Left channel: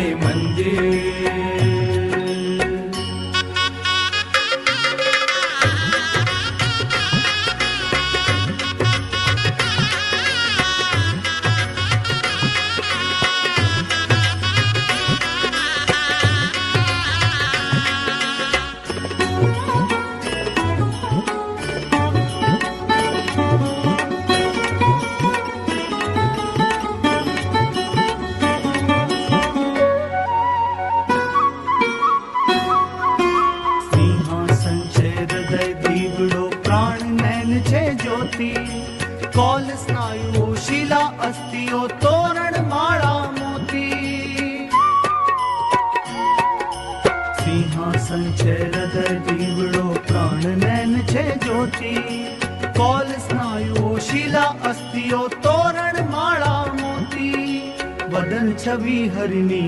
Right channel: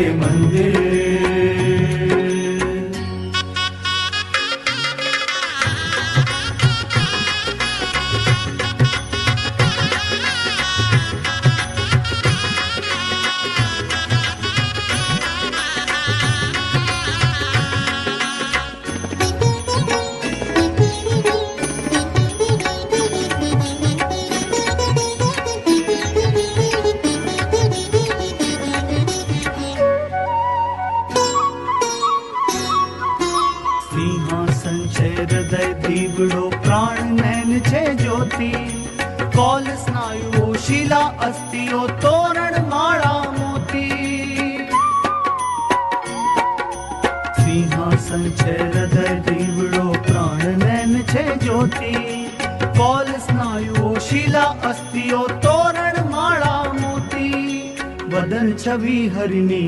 મંદિર. હૃદય દીવડો પ્રાણ નયન છે જ્યોતિ, કોલ સ્નાયુઓ શિલા અસ્થિઓ તોરણ માળા મોતી. સિંહાસન છે હૃદય દીવડો પ્રાણ નયન છે જ્યોતિ, કોલ સ્નાયુઓ શિલા અસ્થિઓ તોરણ માળા મોતી. વદન છવિ હરિની